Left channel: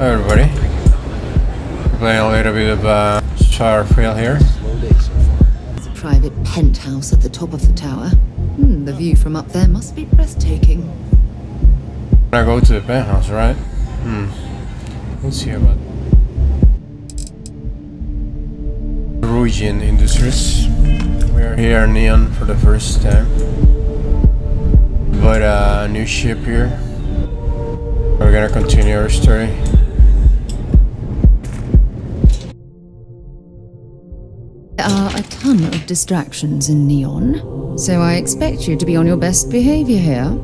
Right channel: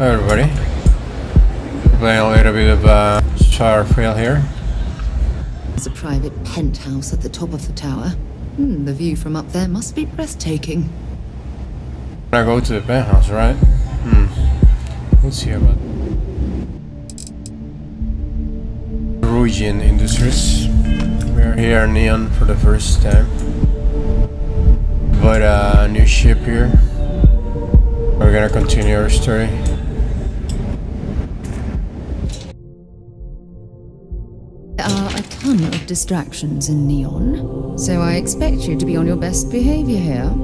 Hi everybody, playing a little bit of Starfield here. There's a private penthouse at the top of the tower. The view from up there must be breathtaking. I go to the penthouse, right? Let's see about Ryujin Industries. We are here in Neon for the first time. But a new ship here. We're gonna continue our story. There are a ton of distractions in Neon, so I expect you to be on your best behavior here.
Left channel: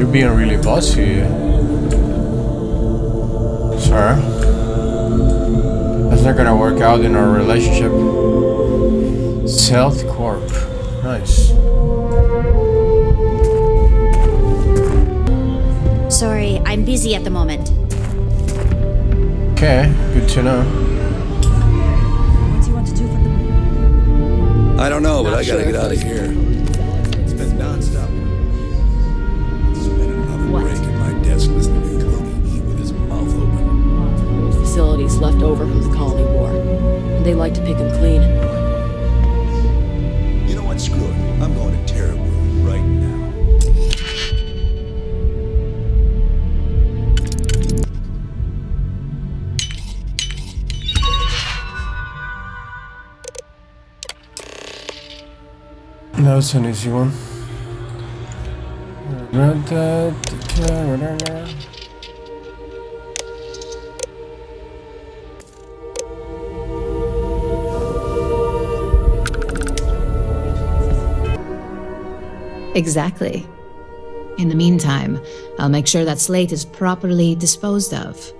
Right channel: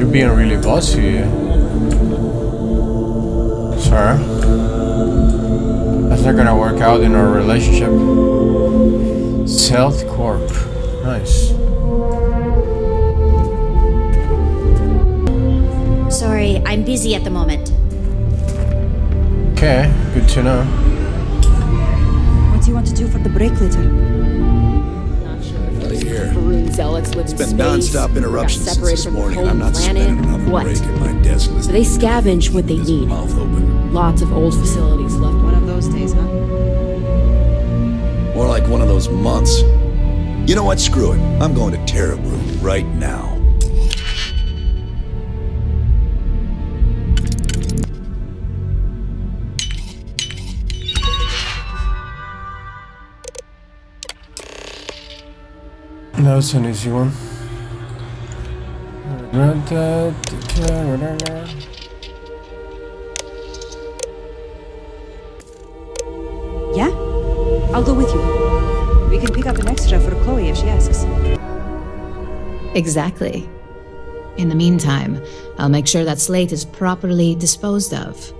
You're being really bossy. Sorry. That's not gonna work out in our relationship. Stealth Corp. Nice. Sorry, I'm busy at the moment. Okay, good to know. What do you want to do for the break later? I don't know, but I gotta get out of here. It's been non-stop interruptions since this morning, and I'm not spending another break at my desk listening. They scavenge what they need. Mouth open. Lots of old facilities left over from the Cold War. They like to pick them clean. More like one of those months. You know what? Screw it. I'm going to Terrabrew right now. That's an easy one. Yeah? I'll go with you. We can pick up an extra for Chloe if she asks. Exactly. In the meantime, I'll make sure that slate is properly disposed of.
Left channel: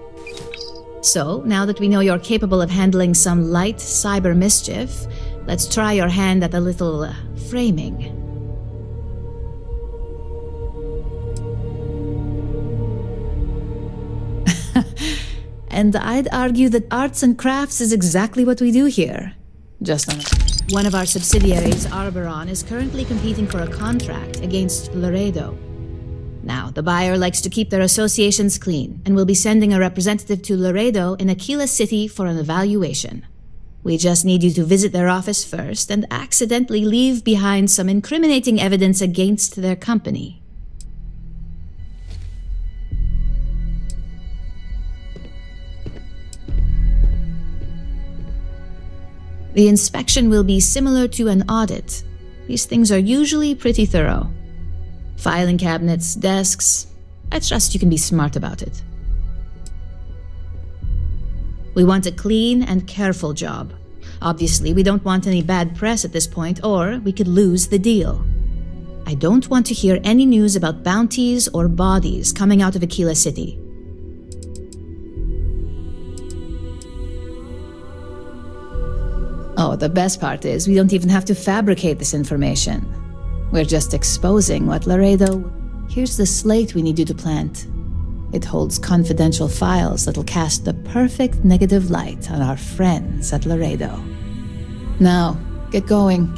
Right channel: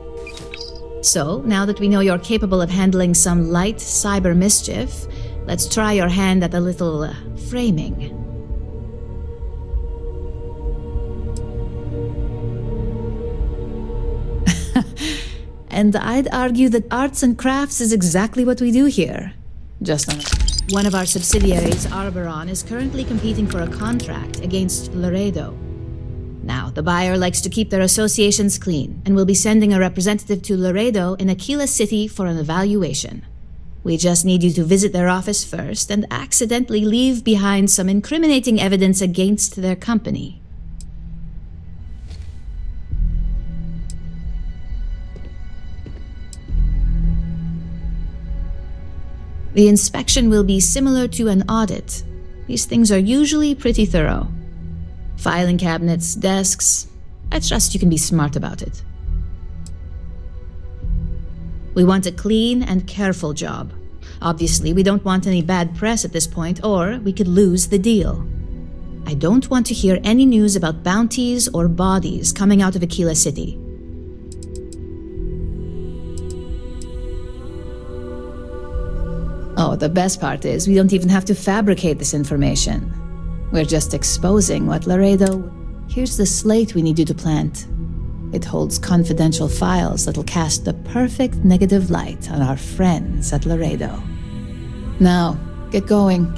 So, now that we know you're capable of handling some light cyber mischief, let's try your hand at a little framing. And I'd argue that arts and crafts is exactly what we do here. Just on one of our subsidiaries, Arboron, is currently competing for a contract against Laredo. Now, the buyer likes to keep their associations clean, and will be sending a representative to Laredo in Aquila City for an evaluation. We just need you to visit their office first and accidentally leave behind some incriminating evidence against their company. The inspection will be similar to an audit. These things are usually pretty thorough. Filing cabinets, desks. I trust you can be smart about it. We want a clean and careful job. Obviously, we don't want any bad press at this point, or we could lose the deal. I don't want to hear any news about bounties or bodies coming out of Aquila City. Oh, the best part is we don't even have to fabricate this information. We're just exposing what Laredo... Here's the slate we need you to plant. It holds confidential files that'll cast the perfect negative light on our friends at Laredo. Now, get going.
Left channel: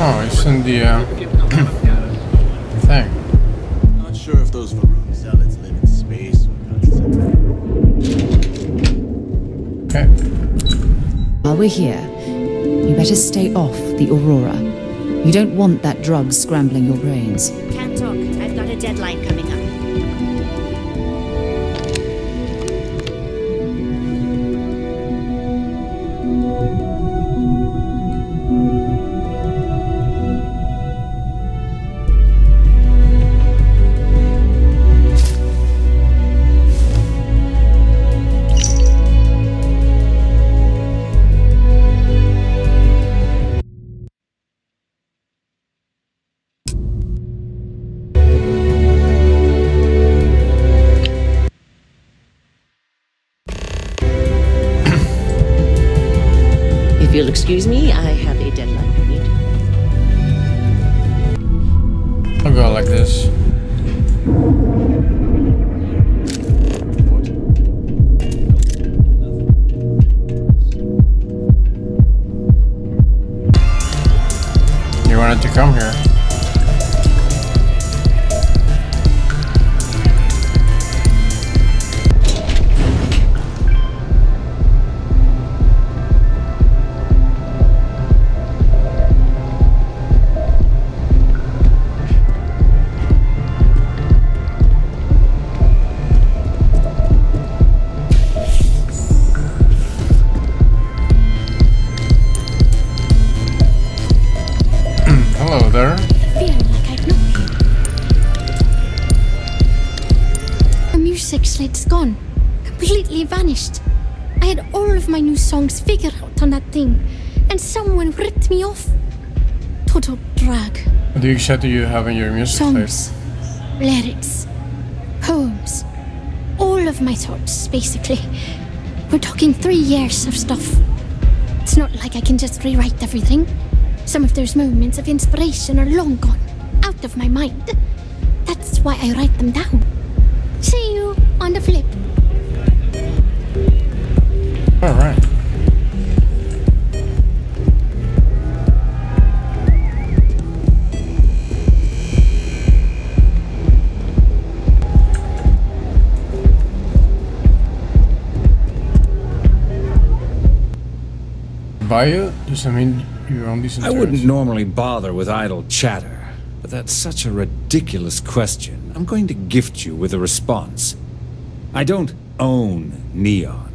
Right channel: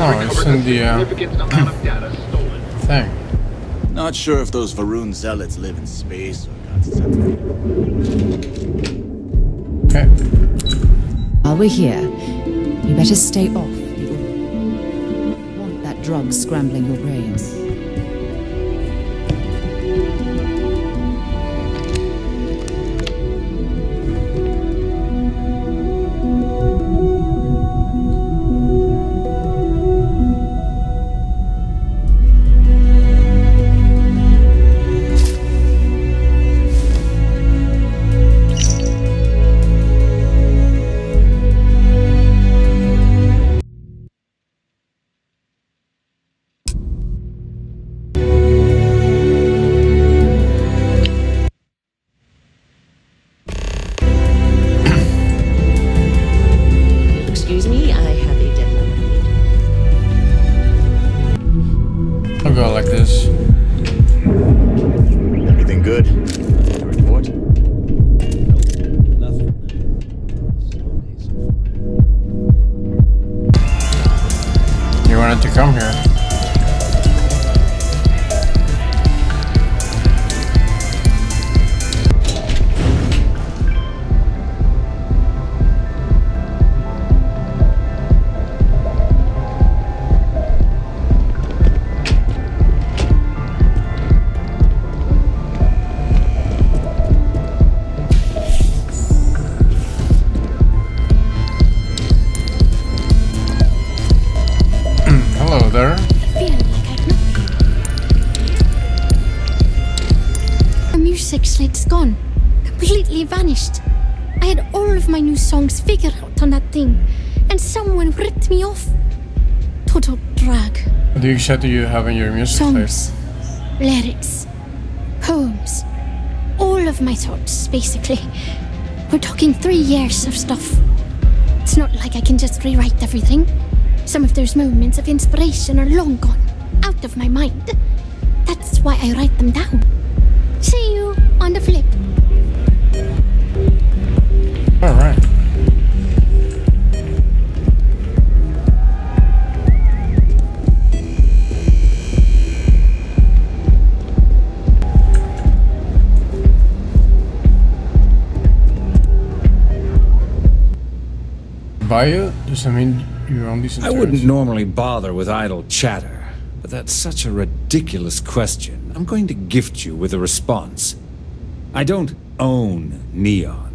Oh, it's in the thing. Not sure if those Varun zealots live in space or got separate. Okay. While we're here, you better stay off the Aurora. You don't want that drug scrambling your brains. Can't talk. I've got a deadline coming up. Excuse me, I have a deadline to meet. I'll go like this. Anything good? Report? Nothing. You wanted to come here. Hello there. I feel like I'd know you. The music slate's gone. Completely vanished. I had all of my new songs figured out on that thing, and someone ripped me off. Total drag. What do you say do you have in your music Songs, lyrics, poems. All of my thoughts, basically. We're talking 3 years of stuff. It's not like I can just rewrite everything. Some of those moments of inspiration are long gone, out of my mind. That's why I write them down. See you on the flip. Alright. Buy it? Does that mean you're on decent I terms? wouldn't normally bother with idle chatter, but that's such a ridiculous question. I'm going to gift you with a response. I don't own Neon.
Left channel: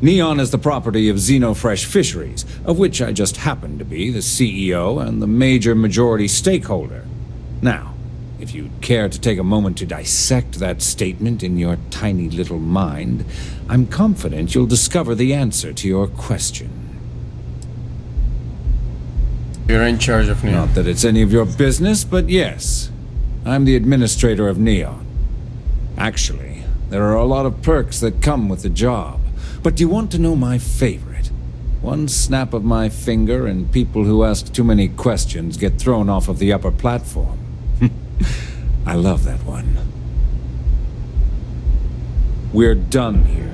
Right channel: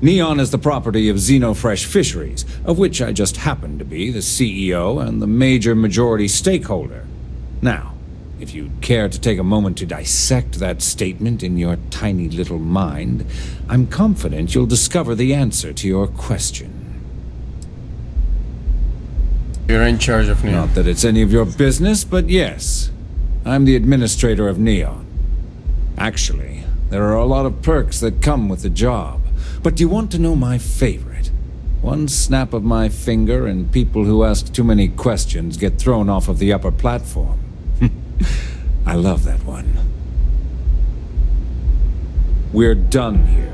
Neon is the property of Xenofresh Fisheries, of which I just happen to be the CEO and the major majority stakeholder. Now, if you'd care to take a moment to dissect that statement in your tiny little mind, I'm confident you'll discover the answer to your question. You're in charge of Neon. Not that it's any of your business, but yes, I'm the administrator of Neon. Actually, there are a lot of perks that come with the job. But do you want to know my favorite? One snap of my finger and people who ask too many questions get thrown off of the upper platform. I love that one. We're done here.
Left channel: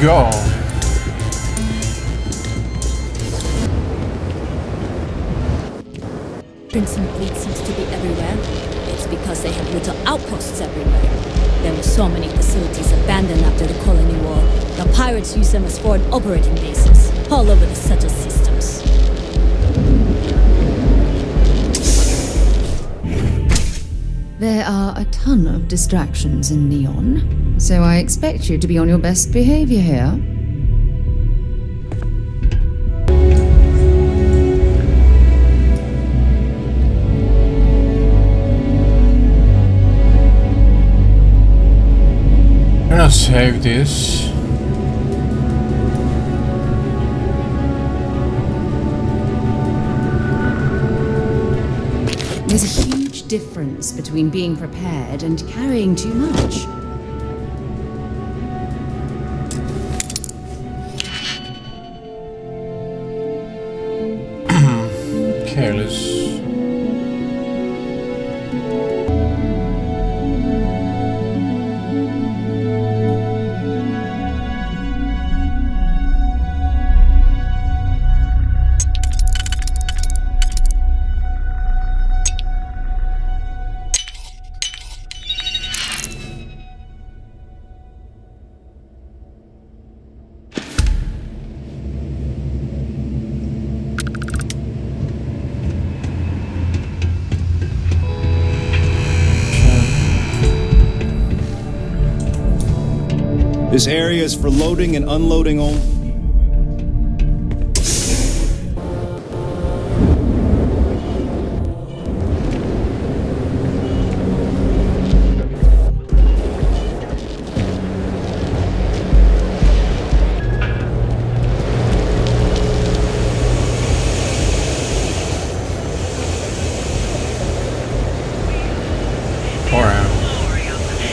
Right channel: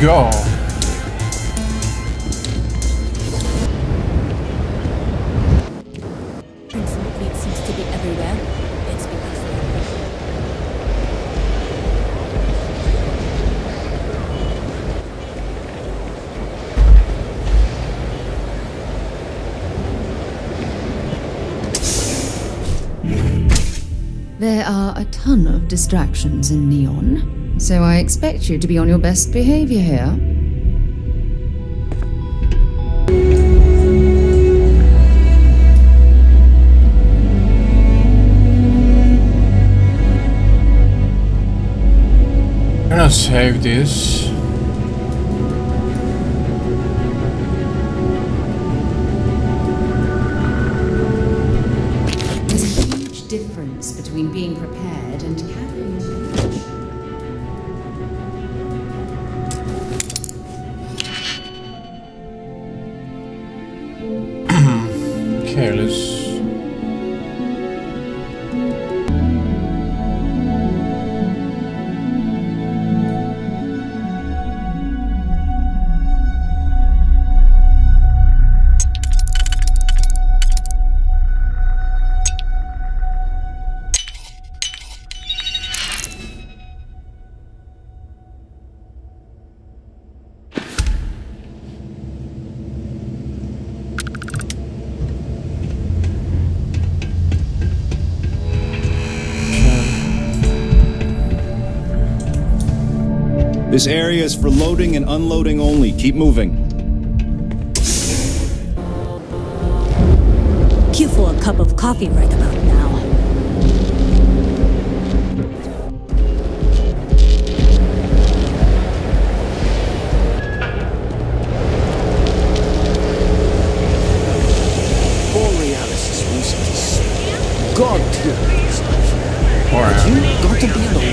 Go. Crimson Fleet seems to be everywhere. It's because they have little outposts everywhere. There are so many facilities abandoned after the colony war. The pirates use them as forward operating bases, all over the Seta systems. There are a ton of distractions in Neon, so I expect you to be on your best behavior here. I'm gonna save this. There's a huge difference between being prepared and carrying too much. Okay, let's... This area is for loading and unloading only. Keep moving. Cue for a cup of coffee right about now.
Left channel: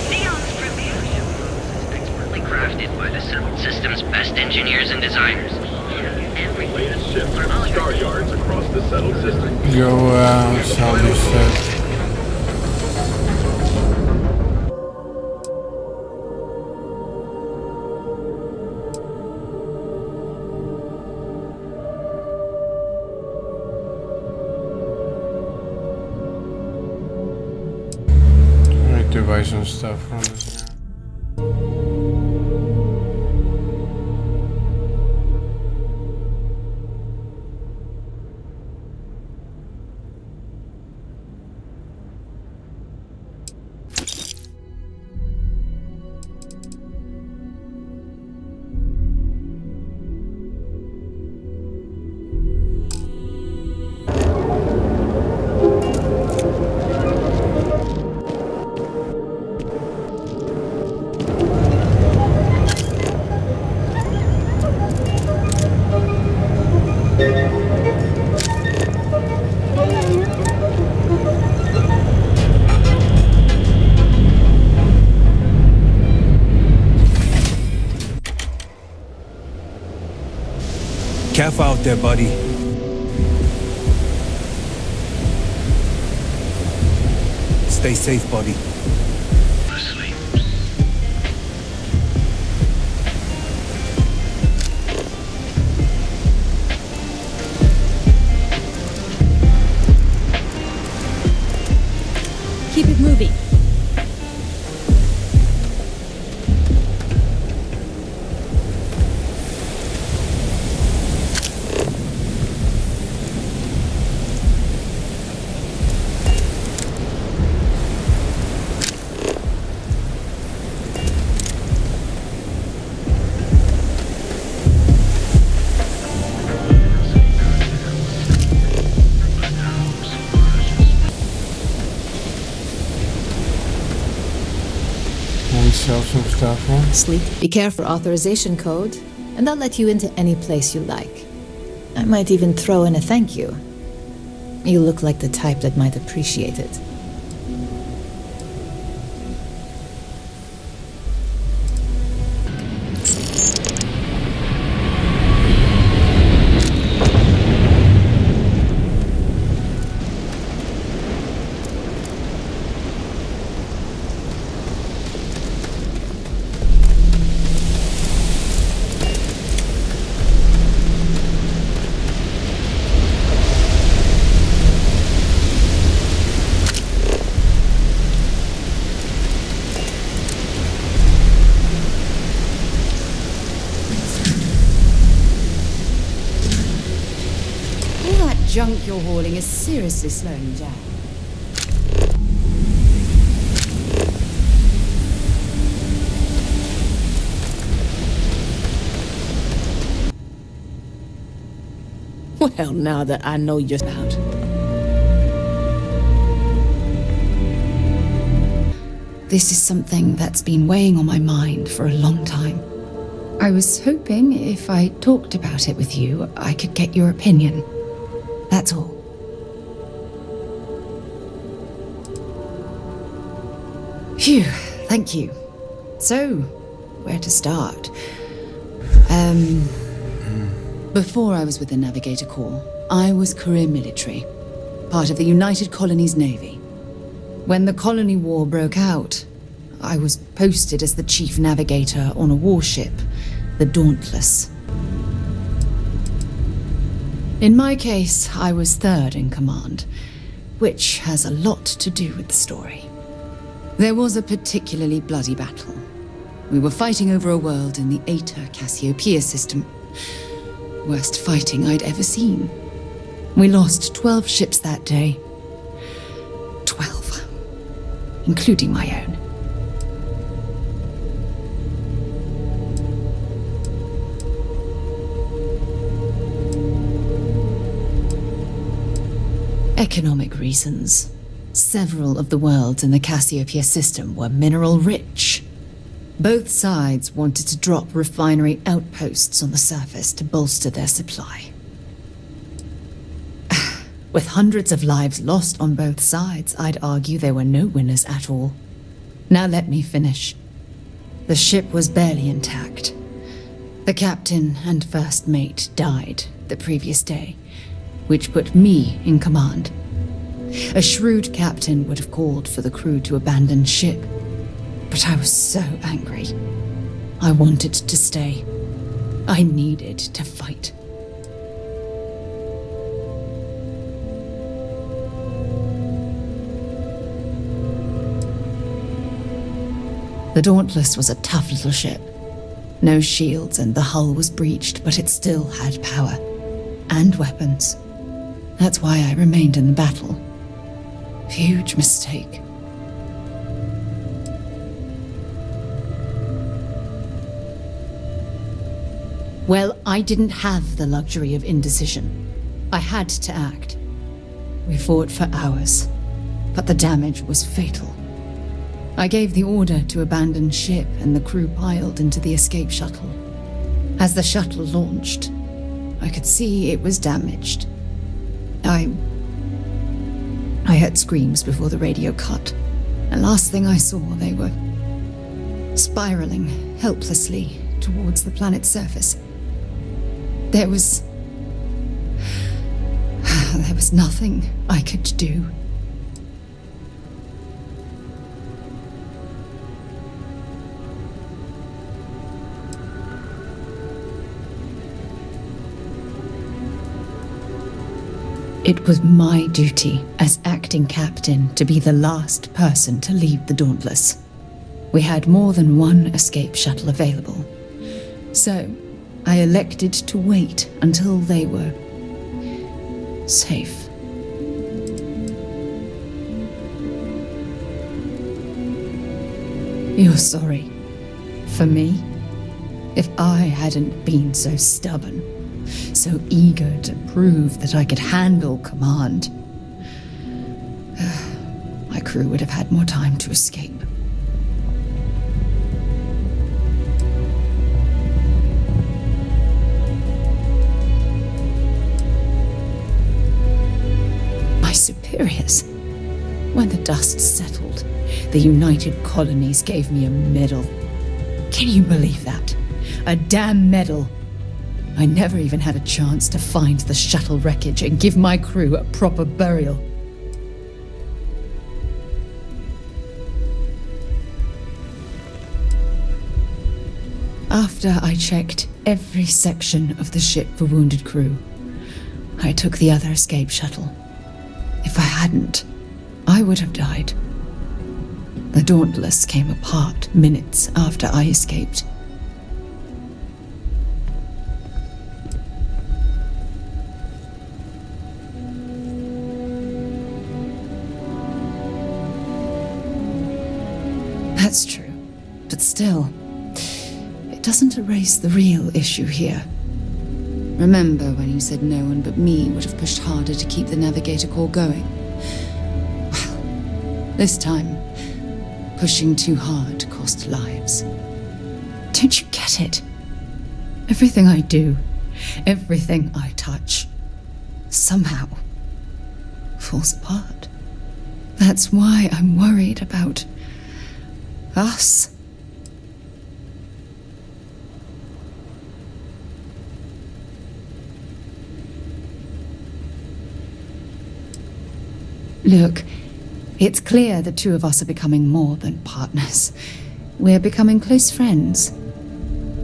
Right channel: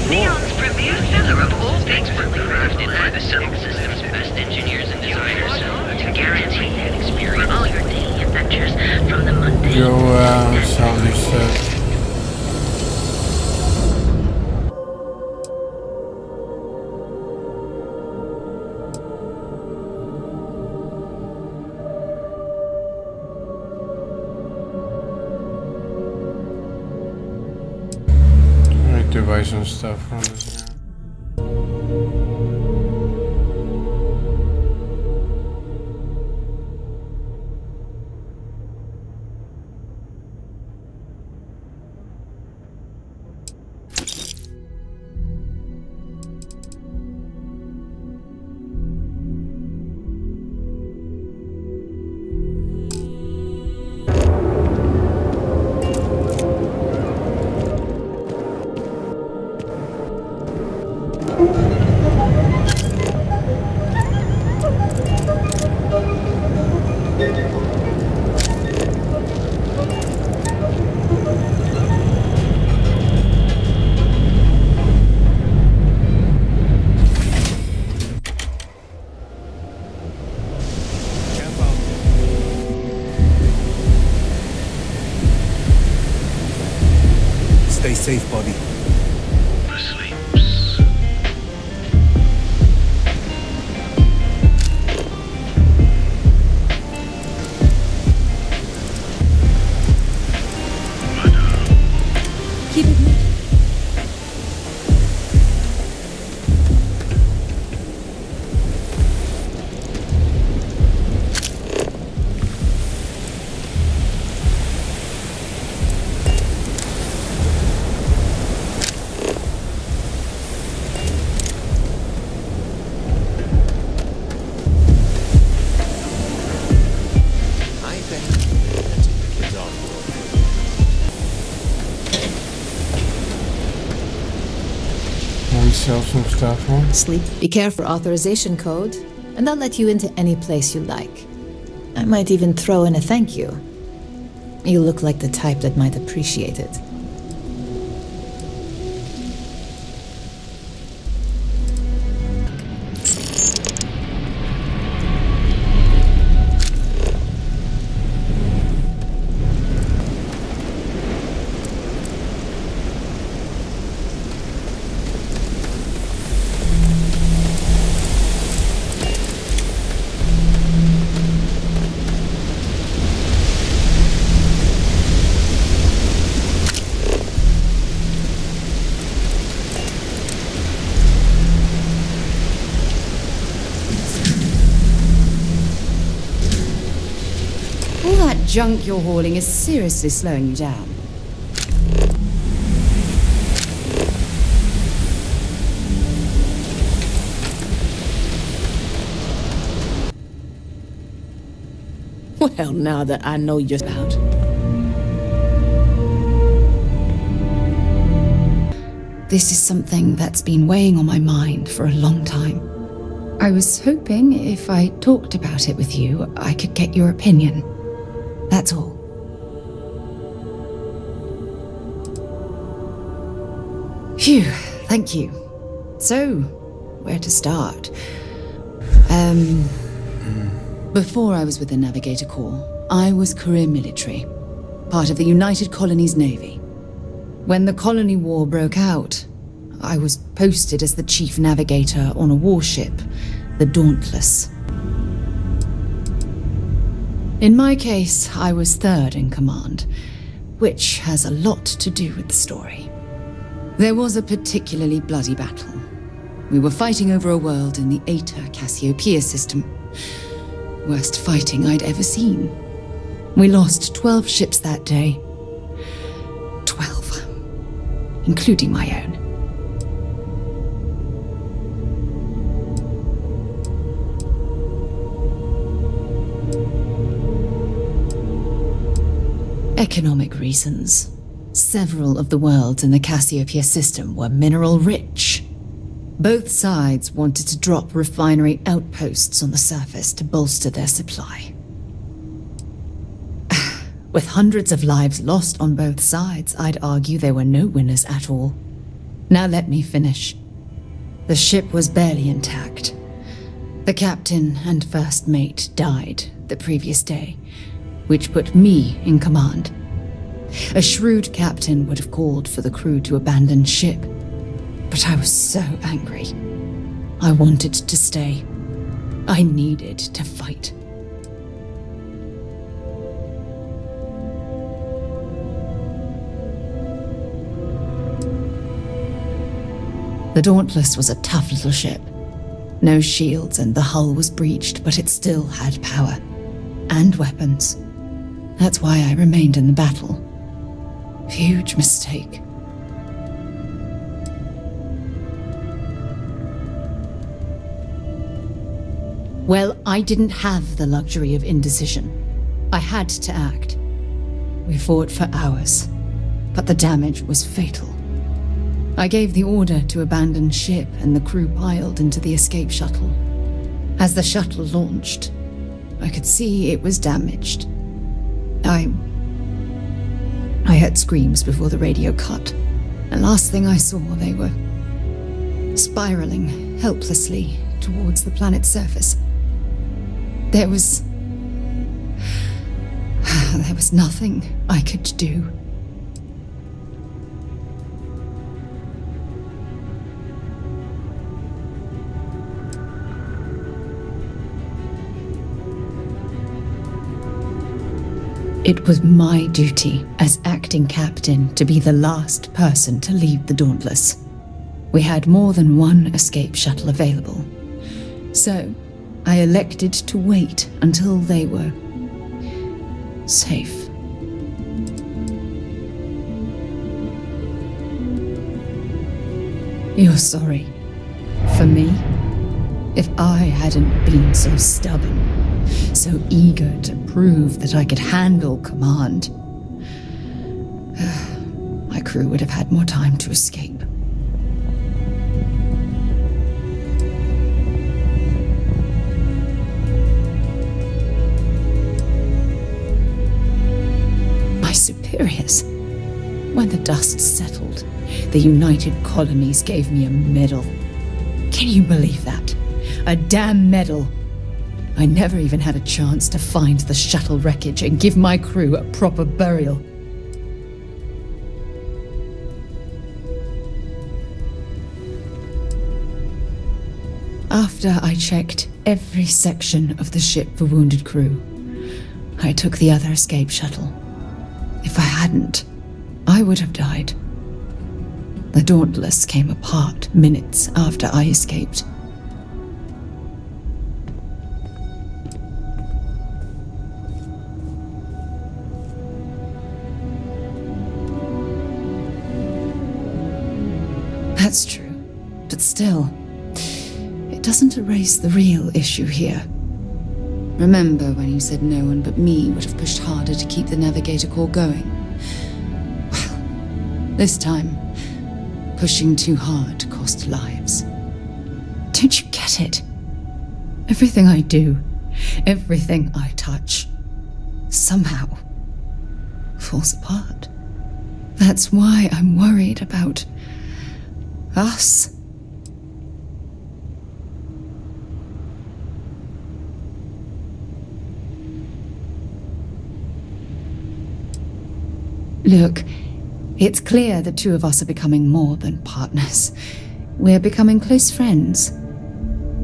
Neon's premier filler of old, expertly crafted by the Sound System's best engineers and designers. To guarantee for all your daily adventures from the mundane. Go, sell your stuff. To buy some stuff from this. Careful out there, buddy. Stay safe, buddy. Keep it moving. Sell some stuff, huh? Sleep. Be careful for authorization code, and I'll let you into any place you like. I might even throw in a thank you. You look like the type that might appreciate it. Junk you're hauling is seriously slowing you down. Well, now that I know you're out. This is something that's been weighing on my mind for a long time. I was hoping if I talked about it with you, I could get your opinion. That's all. Phew, thank you. So, where to start? Before I was with the Navigator Corps, I was career military, part of the United Colonies Navy. When the Colony War broke out, I was posted as the chief navigator on a warship, the Dauntless. In my case, I was third in command, which has a lot to do with the story. There was a particularly bloody battle. We were fighting over a world in the Eta Cassiopeia system. Worst fighting I'd ever seen. We lost 12 ships that day. 12. Including my own. Economic reasons. Several of the worlds in the Cassiopeia system were mineral rich. Both sides wanted to drop refinery outposts on the surface to bolster their supply. With hundreds of lives lost on both sides, I'd argue there were no winners at all. Now let me finish. The ship was barely intact. The captain and first mate died the previous day, which put me in command. A shrewd captain would have called for the crew to abandon ship, but I was so angry. I wanted to stay. I needed to fight. The Dauntless was a tough little ship. No shields and the hull was breached, but it still had power. And weapons. That's why I remained in the battle. Huge mistake. Well, I didn't have the luxury of indecision. I had to act. We fought for hours, but the damage was fatal. I gave the order to abandon ship and the crew piled into the escape shuttle. As the shuttle launched, I could see it was damaged. I heard screams before the radio cut, and last thing I saw, they were spiraling helplessly towards the planet's surface. There was nothing I could do. It was my duty as acting captain to be the last person to leave the Dauntless. We had more than one escape shuttle available, so I elected to wait until they were safe. You're sorry. For me? If I hadn't been so stubborn, so eager to prove that I could handle command, my crew would have had more time to escape. My superiors. When the dust settled, the United Colonies gave me a medal. Can you believe that? A damn medal. I never even had a chance to find the shuttle wreckage and give my crew a proper burial. After I checked every section of the ship for wounded crew, I took the other escape shuttle. If I hadn't, I would have died. The Dauntless came apart minutes after I escaped. That's true, but still, it doesn't erase the real issue here. Remember when you said no one but me would have pushed harder to keep the Navigator core going? Well, this time, pushing too hard cost lives. Don't you get it? Everything I do, everything I touch, somehow falls apart. That's why I'm worried about us. Look, it's clear the two of us are becoming more than partners. We're becoming close friends.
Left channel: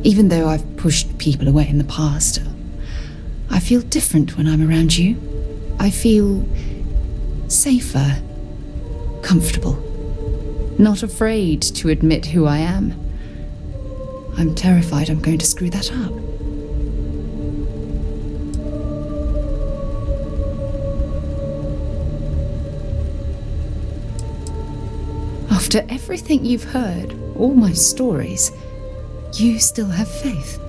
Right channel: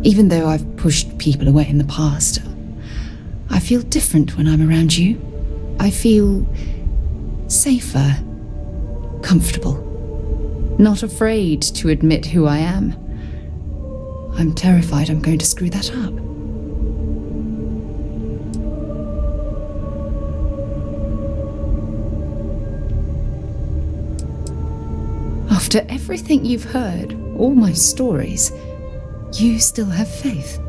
Even though I've pushed people away in the past, I feel different when I'm around you. I feel safer, comfortable. Not afraid to admit who I am. I'm terrified I'm going to screw that up. After everything you've heard, all my stories, you still have faith.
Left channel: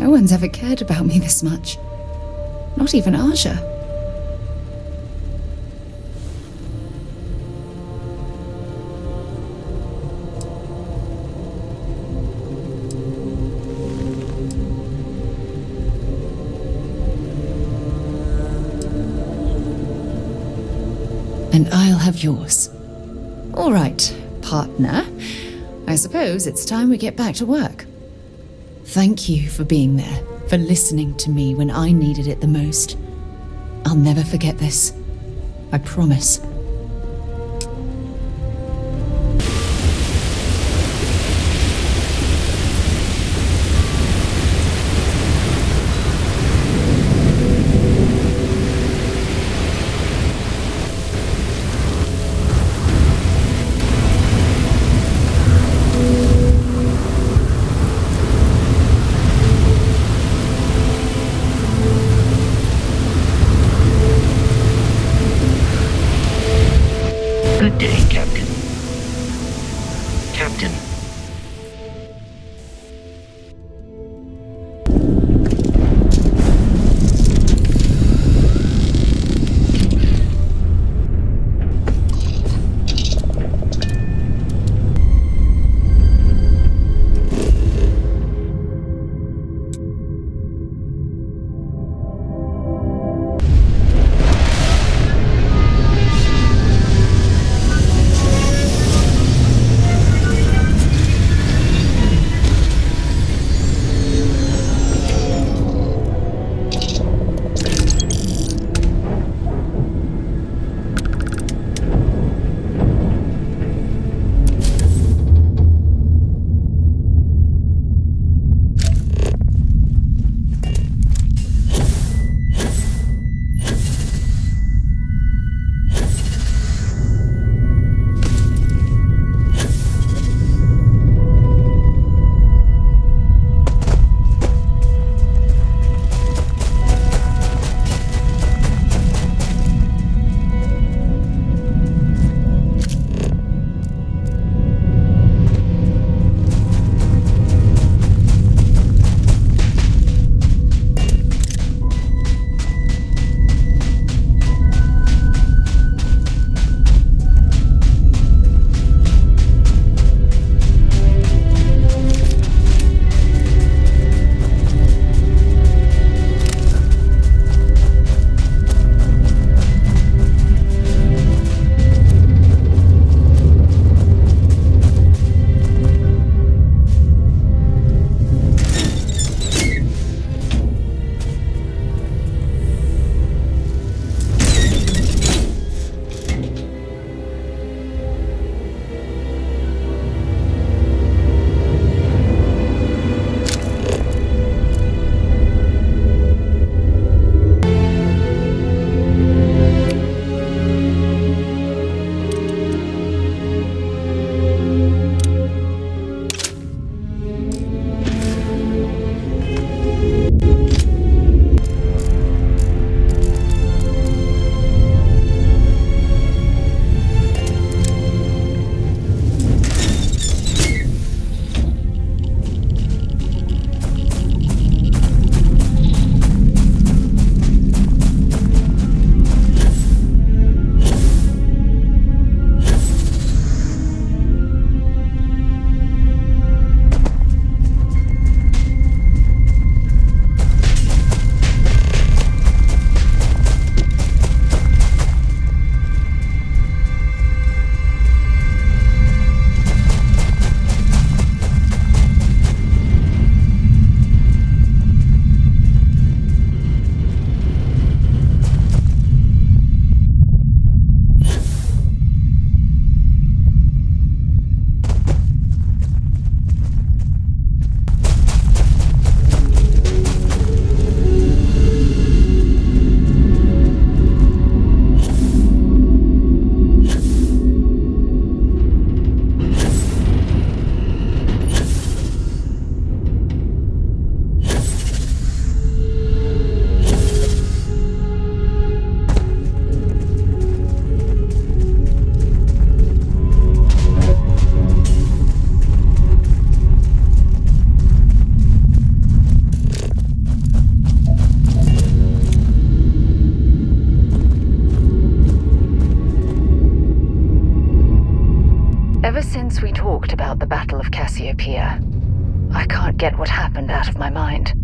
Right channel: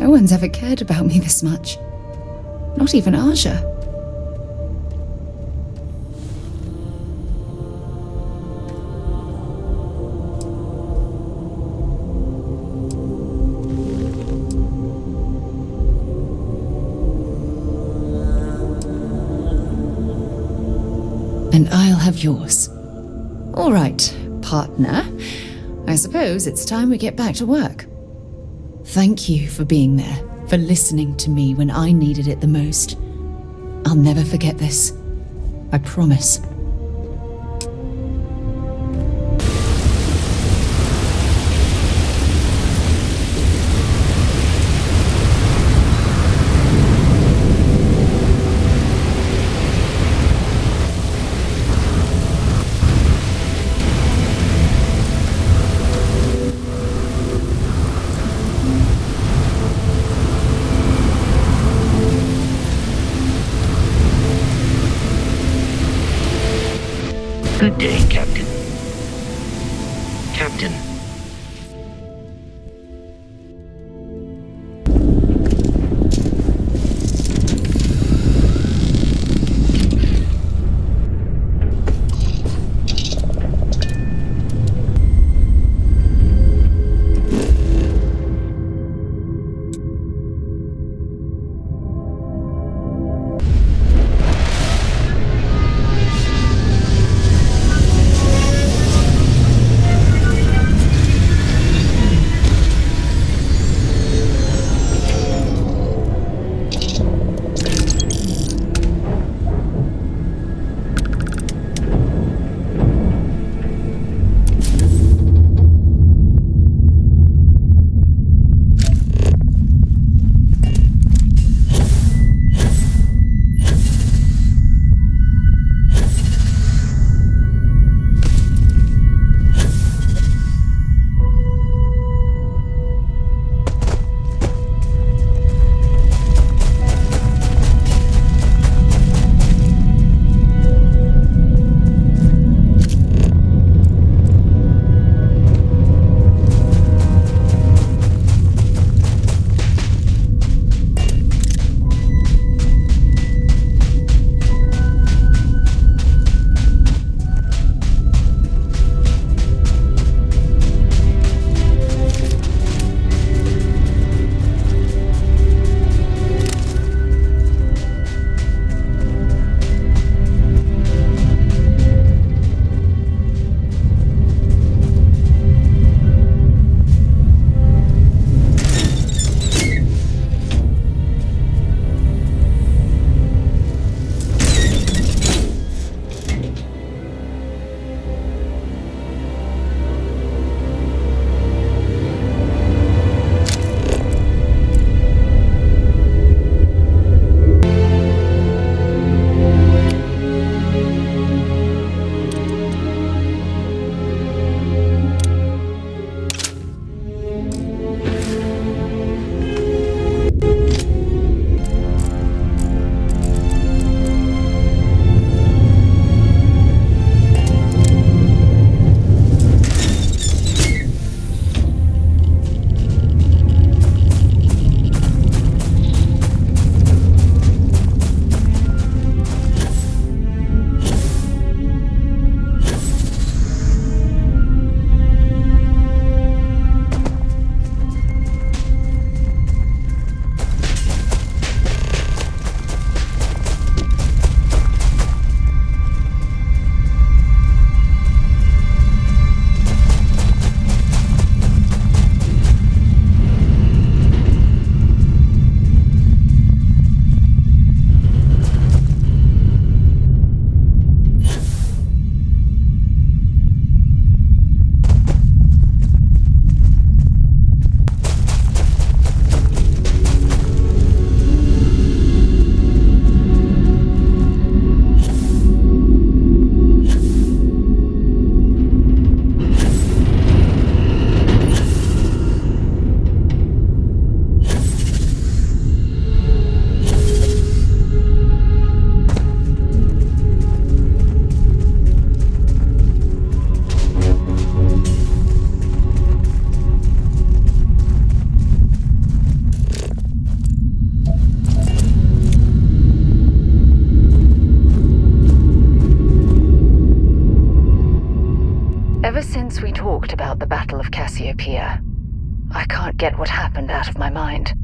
No one's ever cared about me this much. Not even Aja. And I'll have yours. All right, partner. I suppose it's time we get back to work. Thank you for being there, for listening to me when I needed it the most. I'll never forget this. I promise. Good day, Captain. Captain. Ever since we talked about the Battle of Cassiopeia, I can't get what happened out of my mind.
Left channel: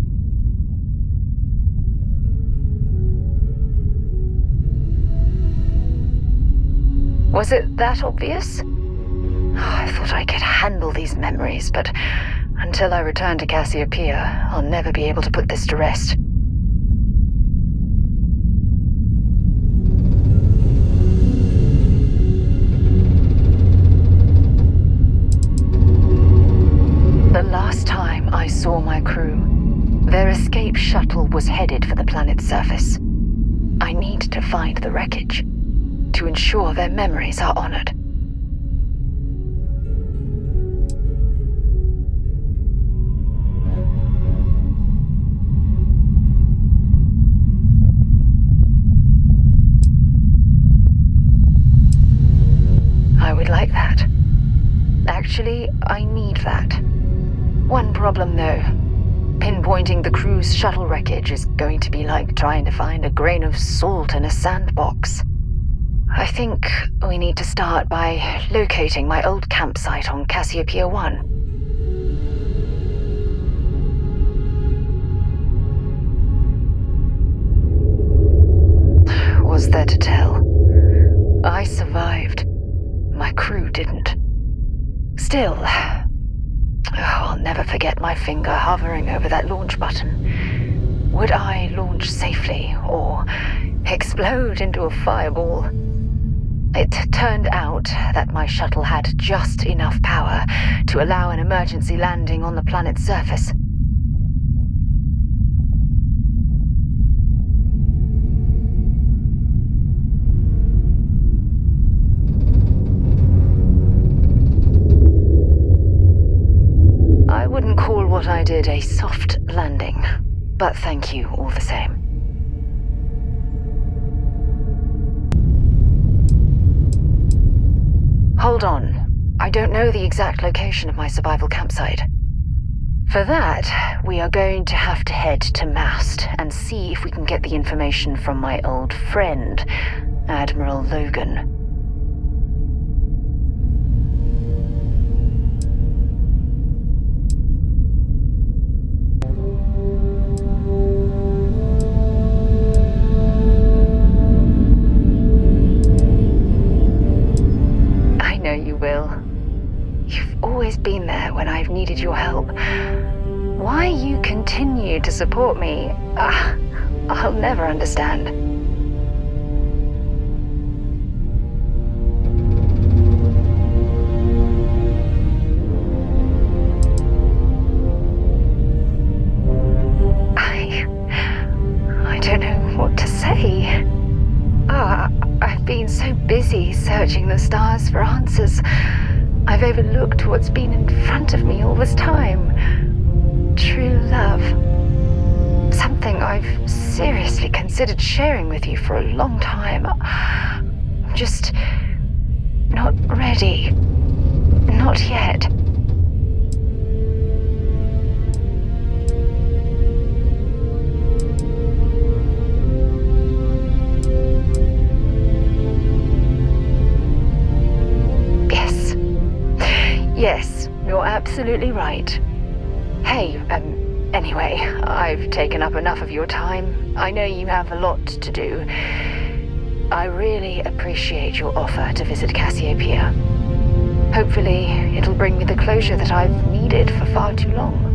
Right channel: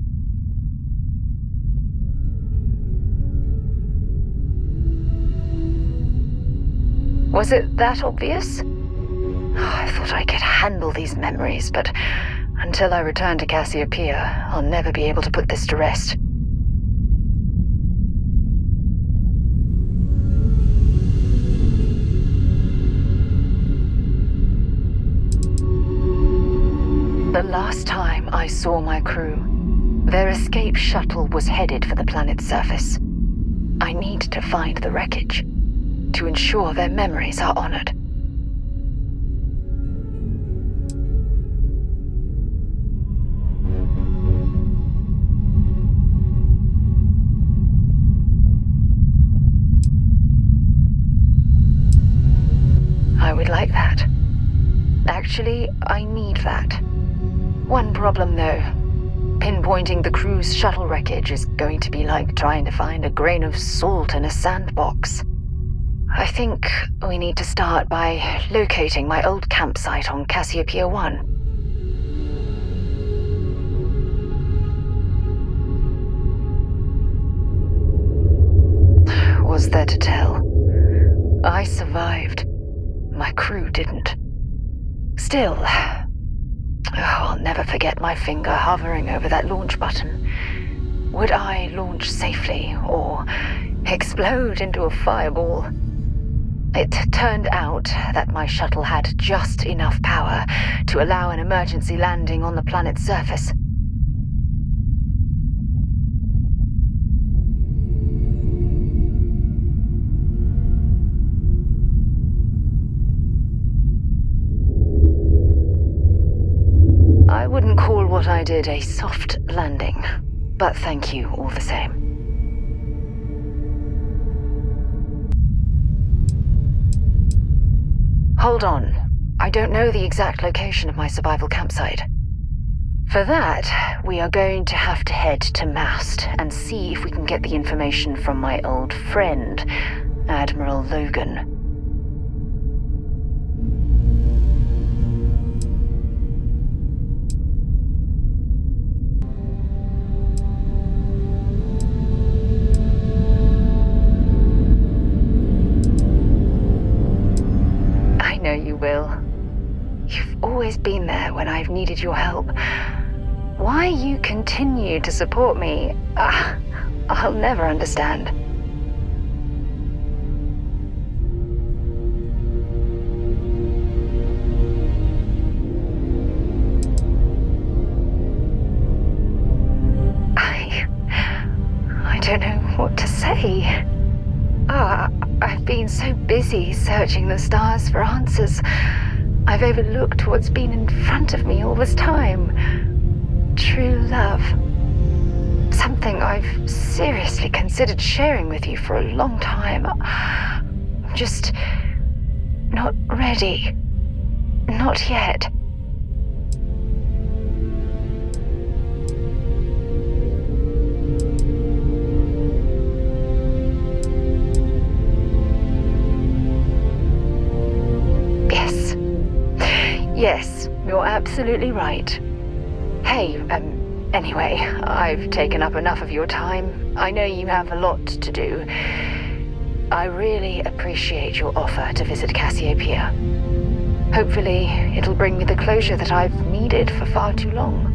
Was it that obvious? I thought I could handle these memories, but until I return to Cassiopeia, I'll never be able to put this to rest. The last time I saw my crew, their escape shuttle was headed for the planet's surface. I need to find the wreckage to ensure their memories are honored. I would like that. Actually, I need that. One problem, though. Pinpointing the crew's shuttle wreckage is going to be like trying to find a grain of salt in a sandbox. I think we need to start by locating my old campsite on Cassiopeia 1. Was there to tell? I survived. My crew didn't. Still, I'll never forget my finger hovering over that launch button. Would I launch safely, or explode into a fireball? It turned out that my shuttle had just enough power to allow an emergency landing on the planet's surface. I wouldn't call what I did a soft landing, but thank you all the same. Hold on. I don't know the exact location of my survival campsite. For that, we are going to have to head to Mast and see if we can get the information from my old friend, Admiral Logan. You will. You've always been there when I've needed your help. Why you continue to support me, I'll never understand. I don't know what to say. I've been so busy searching the stars for answers. I've overlooked what's been in front of me all this time. True love. Something I've seriously considered sharing with you for a long time. I'm just not ready. Not yet. Yes, you're absolutely right. Hey, anyway, I've taken up enough of your time. I know you have a lot to do. I really appreciate your offer to visit Cassiopeia. Hopefully, it'll bring me the closure that I've needed for far too long.